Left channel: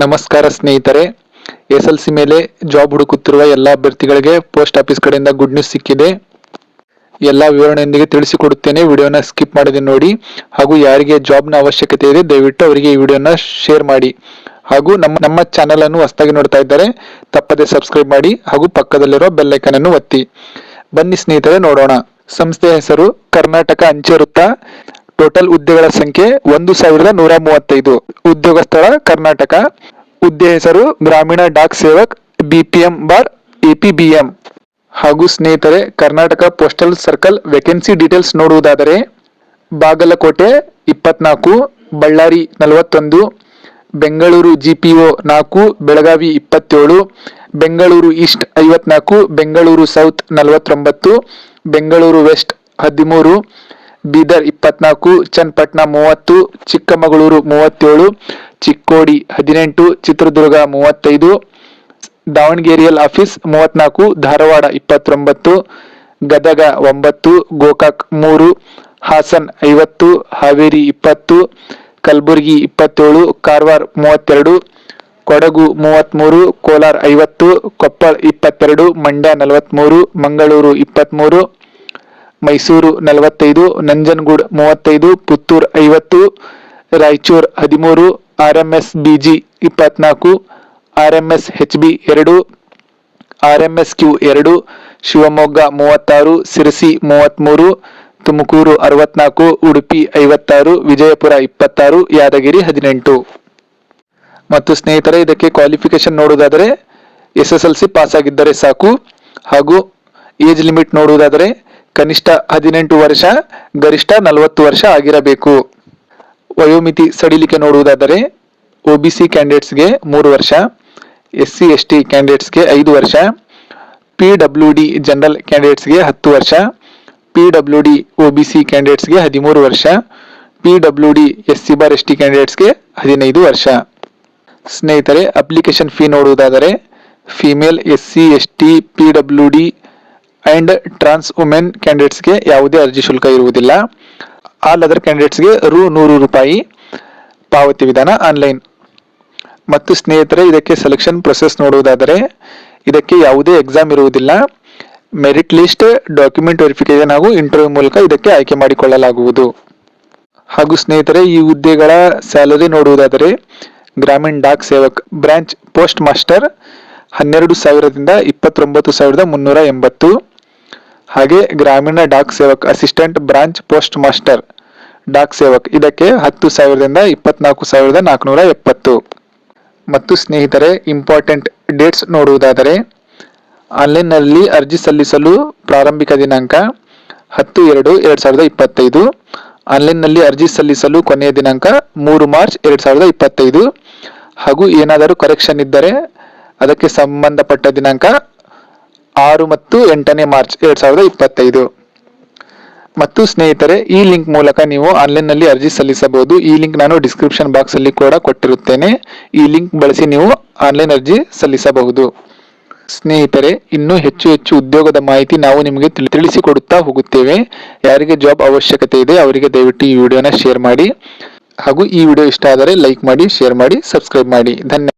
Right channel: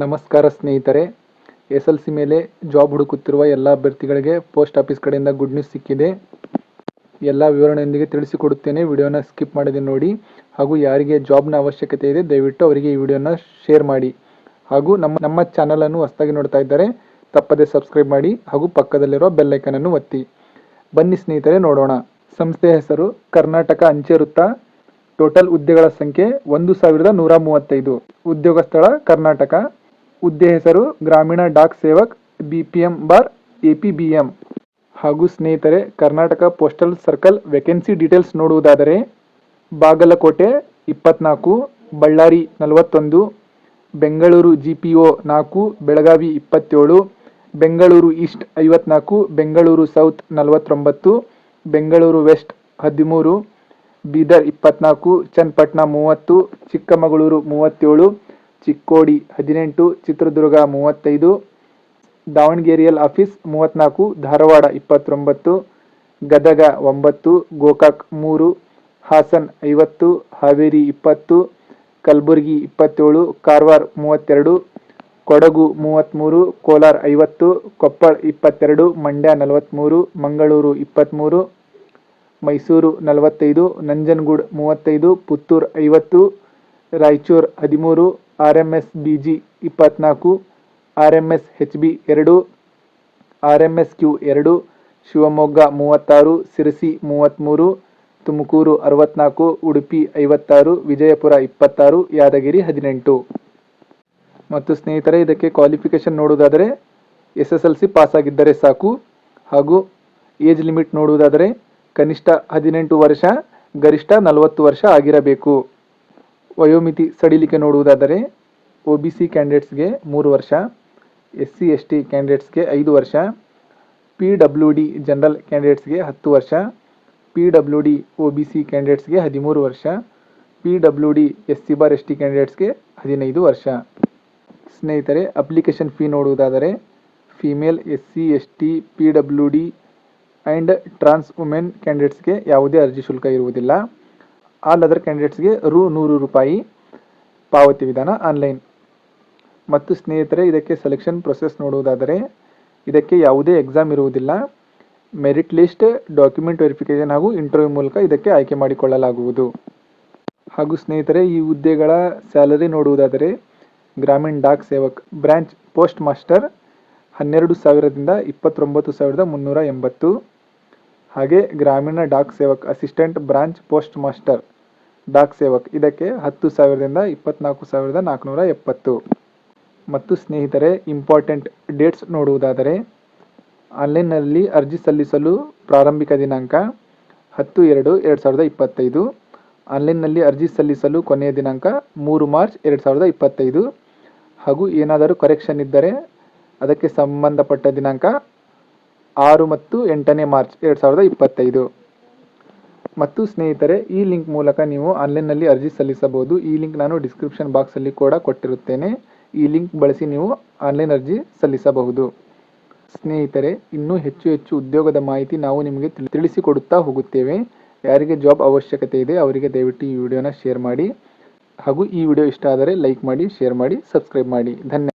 ನಮಸ್ಕಾರ ಸ್ನೇಹಿತರೆ S L C ಮೇಲೆ ಜಾಬ್ ಹುಡುಕುತ್ತಿರುವ ಎಲ್ಲ ಅಭ್ಯರ್ಥಿಗಳಿಗೆ ಪೋಸ್ಟ್ ಆಫೀಸ್ ಕಡೆಯಿಂದ ಗುಡ್ ನ್ಯೂಸ್ ಸಿಕ್ಕಿದೆ. ಎಲ್ಲ ವಿವರಣೆಯೊಂದಿಗೆ ತಿಳಿಸಿಕೊಡುತ್ತೇನೆ. ವಿಡಿಯೋನ ಸ್ಕಿಪ್ ಮಾಡದೆ ನೋಡಿ. ಹಾಗೂ ಯಾರಿಗೆ ಜಾಬ್ನ ಅವಶ್ಯಕತೆ ಇದೆ, ದಯವಿಟ್ಟು ಅವರಿಗೆ ಈ ವಿಡಿಯೋನ ಶೇರ್ ಮಾಡಿ. ಹಾಗೂ ನಮ್ಮ ನಮ್ಮ ಚಾನೆಲ್ ಅನ್ನು ಹೊಸದಾಗಿ ನೋಡ್ತಾ ಇದ್ದಾರೆ ತಪ್ಪದೆ ಸಬ್ಸ್ಕ್ರೈಬ್ ಮಾಡಿ. ಹಾಗೂ ಪಕ್ಕದಲ್ಲಿರೋ ಬೆಲ್ಲೈಕನ್ ಅನ್ನು ಒತ್ತಿ. ಬನ್ನಿ ಸ್ನೇಹಿತರೆ, ನೋಡೋಣ. ಸಂಸ್ಥೆಯ ಹೆಸರು ಕರ್ನಾಟಕ ಅಂಚೆ ವೃತ್ತ ಟೋಟಲ್ ಹುದ್ದೆಗಳ ಸಂಖ್ಯೆ ಒಂದು ಸಾವಿರದ ನೂರ ಮೂವತ್ತೈದು. ಉದ್ಯೋಗ ಸ್ಥಳ ಕರ್ನಾಟಕ. ಹುದ್ದೆ ಹೆಸರು ಗ್ರಾಮೀಣ Dak Sevak BPM bar APBM. ಹಾಗೂ ಸ್ನೇಹಿತರೆ, Karnataka postal circle vacancy details ನೋಡುವುದಾದರೆ, ಬಾಗಲಕೋಟೆ ಇಪ್ಪತ್ನಾಲ್ಕು, ಬಳ್ಳಾರಿ ನಲವತ್ತೊಂದು, ಬೆಂಗಳೂರು ಜಿ ಪಿ ಒ ನಾಲ್ಕು, ಬೆಳಗಾವಿ ಇಪ್ಪತ್ತೇಳು, ಬೆಂಗಳೂರು ಈಸ್ಟ್ ಐವತ್ನಾಲ್ಕು, ಬೆಂಗಳೂರು ಸೌತ್ ನಲವತ್ತೊಂಬತ್ತು, ಬೆಂಗಳೂರು ವೆಸ್ಟ್ ಹದಿಮೂರು ಬೀದರ್ ಇಪ್ಪತ್ನಾಲ್ಕು, ಚನ್ನಪಟ್ಟಣ ಮೂವತ್ತು, ಚಿಕ್ಕಮಗಳೂರು ಮೂವತ್ತೇಳು, ಚಿಕ್ಕೋಡಿ ಹದಿನೆಂಟು, ಚಿತ್ರದುರ್ಗ ಮೂವತ್ತೈದು ದಾವಣಗೆರೆಯಲ್ ಆಫೀಸ್ ಮೂವತ್ನಾಲ್ಕು, ಧಾರವಾಡ ಇಪ್ಪತ್ತೊಂಬತ್ತು, ಗದಗ ಒಂಬತ್ತು, ಗೋಕಾಕ್ ಮೂರು, ಹಾಸನ್ ಐವತ್ತು, ಹಾವೇರಿ ಇಪ್ಪತ್ತು, ಕಲಬುರಗಿ ಇಪ್ಪತ್ತೇಳು, ಕಾರವಾರ ಮೂವತ್ತೆರಡು, ಕೊಡಗು ಮೂವತ್ತ್ಮೂರು, ಕೋಲಾರ ಐವತ್ತು, ಕೊಪ್ಪಳ ಇಪ್ಪತ್ತೆರಡು, ಮಂಡ್ಯ ನಲವತ್ತ್ಮೂರು, ಮಂಗಳೂರು ಇಪ್ಪತ್ತ್ಮೂರು ಮೈಸೂರು ನಲವತ್ತೈದು, ನಂಜನಗೂಡು ಮೂವತ್ತೈದು, ಪುತ್ತೂರು ಐವತ್ತು, ರಾಯಚೂರು ಹದಿಮೂರು R M S B G ಇಪ್ಪತ್ನಾಲ್ಕು R M S H B ಎರಡು ಆರ್ ಎಂ ಎಸ್ ಕ್ಯೂ ಎರಡು, ಶಿವಮೊಗ್ಗ ಮೂವತ್ತಾರು, ಸಿರಸಿ ಮೂವತ್ತ್ಮೂರು, ತುಮಕೂರು ಅರವತ್ನಾಲ್ಕು, ಉಡುಪಿ ಐವತ್ತಾರು, ವಿಜಯಪುರ ಇಪ್ಪತ್ತಾರು, ಯಾದಗಿರಿ ಹದಿನೆಂಟು. ಮತ್ತು ಸ್ನೇಹಿತರೆ, ಇದಕ್ಕೆ ಕ್ವಾಲಿಫಿಕೇಶನ್ ನೋಡುವುದಾದರೆ S S L C pass ಆಗಿದ್ದರೆ ಸಾಕು. ಹಾಗೂ ಏಜ್ ಲಿಮಿಟ್ ನೋಡುವುದಾದರೆ ಕನಿಷ್ಠ ಹದಿನೆಂಟು ವರ್ಷ, ಗರಿಷ್ಠ ನಲವತ್ತು ವರ್ಷ ಆಗಿರಬೇಕು. ವಯೋಮಿತಿ ಸಡಿಲಿಕೆ ನೋಡುವುದಾದರೆ, ಒ ಬಿ ಸಿ ಕ್ಯಾಂಡಿಡೇಟ್ಸ್ಗೆ ಮೂರು ವರ್ಷ, ಎಸ್ ಸಿ, ಎಸ್ ಟಿ ಕ್ಯಾಂಡಿಡೇಟ್ಸ್ಗೆ ಐದು ವರ್ಷ, ಪಿ ಡಬ್ಲ್ಯೂ ಡಿ ಜನರಲ್ ಕ್ಯಾಂಡಿಡೇಟ್ಸ್ಗೆ ಹತ್ತು ವರ್ಷ, P W D O B C ಕ್ಯಾಂಡಿಡೇಟ್ಸ್ಗೆ ಹದಿಮೂರು ವರ್ಷ, P W D S C bar S T ಕ್ಯಾಂಡಿಡೇಟ್ಸ್ಗೆ ಹದಿನೈದು ವರ್ಷ. ಸ್ನೇಹಿತರೆ, ಅಪ್ಲಿಕೇಶನ್ ಫೀ ನೋಡುವುದಾದರೆ, female S C, S T, P W D and trans women ಕ್ಯಾಂಡಿಡೇಟ್ಸ್ಗೆ ಯಾವುದೇ ಅರ್ಜಿ ಶುಲ್ಕ ಇರುವುದಿಲ್ಲ. ಆಲ್ ಅದರ್ ಕ್ಯಾಂಡಿಡೇಟ್ಸ್ಗೆ ರು ನೂರು ರೂಪಾಯಿ ಪಾವತಿ ವಿಧಾನ ಆನ್ಲೈನ್ ಮತ್ತು ಸ್ನೇಹಿತರೆ, ಇದಕ್ಕೆ ಸೆಲೆಕ್ಷನ್ ಪ್ರೊಸೆಸ್ ನೋಡುವುದಾದರೆ, ಇದಕ್ಕೆ ಯಾವುದೇ ಎಕ್ಸಾಮ್ ಇರುವುದಿಲ್ಲ. ಮೆರಿಟ್ ಲಿಸ್ಟ್ ಡಾಕ್ಯುಮೆಂಟ್ ವೆರಿಫಿಕೇಶನ್ ಹಾಗೂ ಇಂಟರ್ವ್ಯೂ ಮೂಲಕ ಇದಕ್ಕೆ ಆಯ್ಕೆ ಮಾಡಿಕೊಳ್ಳಲಾಗುವುದು. ಹಾಗೂ ಸ್ನೇಹಿತರೆ, ಈ ಹುದ್ದೆಗಳ ಸ್ಯಾಲರಿ ನೋಡುವುದಾದರೆ, Gramin Dak Sevak branch post master ಹನ್ನೆರಡು ಸಾವಿರದಿಂದ ಇಪ್ಪತ್ತೊಂಬತ್ತು ಸಾವಿರದ ಮುನ್ನೂರ ಎಂಬತ್ತು. ಹಾಗೆ Gramin Dak Sevak assistant branch post master Dak Sevak. ಇದಕ್ಕೆ ಹತ್ತು ಸಾವಿರದಿಂದ ಇಪ್ಪತ್ನಾಲ್ಕು ಸಾವಿರದ ನಾಲ್ಕುನೂರ ಎಪ್ಪತ್ತು. ಮತ್ತು ಸ್ನೇಹಿತರೆ ಇಂಪಾರ್ಟೆಂಟ್ ಡೇಟ್ಸ್ ನೋಡುವುದಾದರೆ, ಆನ್ಲೈನ್ನಲ್ಲಿ ಅರ್ಜಿ ಸಲ್ಲಿಸಲು ಪ್ರಾರಂಭಿಕ ದಿನಾಂಕ ಹತ್ತು ಎರಡು ಎರಡು ಸಾವಿರದ ಇಪ್ಪತ್ತೈದು. ಆನ್ಲೈನ್ನಲ್ಲಿ ಅರ್ಜಿ ಸಲ್ಲಿಸಲು ಕೊನೆಯ ದಿನಾಂಕ ಮೂರು ಮಾರ್ಚ್ ಎರಡು ಸಾವಿರದ ಇಪ್ಪತ್ತೈದು. ಹಾಗೂ ಏನಾದರೂ ಕರೆಕ್ಷನ್ ಇದ್ದರೆ, ಅದಕ್ಕೆ ಸಂಬಂಧಪಟ್ಟ ದಿನಾಂಕ ಆರು ಮತ್ತು ಎಂಟನೇ ಮಾರ್ಚ್ ಎರಡು ಸಾವಿರದ ಇಪ್ಪತ್ತೈದು. ಮತ್ತು ಸ್ನೇಹಿತರೆ, ಈ ಲಿಂಕ್ ಮೂಲಕ ನೀವು ಆನ್ಲೈನ್ನಲ್ಲಿ ಅರ್ಜಿ ಸಲ್ಲಿಸಬಹುದು. ಈ ಲಿಂಕ್ ನಾನು ಡಿಸ್ಕ್ರಿಪ್ಷನ್ ಬಾಕ್ಸ್ ಅಲ್ಲಿ ಕೂಡ ಕೊಟ್ಟಿರುತ್ತೇನೆ. ಈ ಲಿಂಕ್ ಬಳಸಿ ನೀವು ಆನ್ಲೈನ್ ಅರ್ಜಿ ಸಲ್ಲಿಸಬಹುದು. ಸ್ನೇಹಿತರೆ, ಇನ್ನೂ ಹೆಚ್ಚು ಹೆಚ್ಚು ಉದ್ಯೋಗದ ಮಾಹಿತಿ ನಾವು ನಿಮಗೆ ತಿಳಿ- ತಿಳಿಸಿಕೊಡುತ್ತಾ ಹೋಗುತ್ತೇವೆ. ಯಾರಿಗೆ ಜಾಬ್ ಅವಶ್ಯಕತೆ ಇದೆ, ಅವರಿಗೆ ದಯವಿಟ್ಟು ಈ ವಿಡಿಯೋನ ಶೇರ್ ಮಾಡಿ. ಹಾಗೂ ಈ ವಿಡಿಯೋ ಇಷ್ಟ ಆದರೆ ಲೈಕ್ ಮಾಡಿ, ಶೇರ್ ಮಾಡಿ, ಸಬ್ಸ್ಕ್ರೈಬ್ ಮಾಡಿ. ಧನ್ಯವಾದ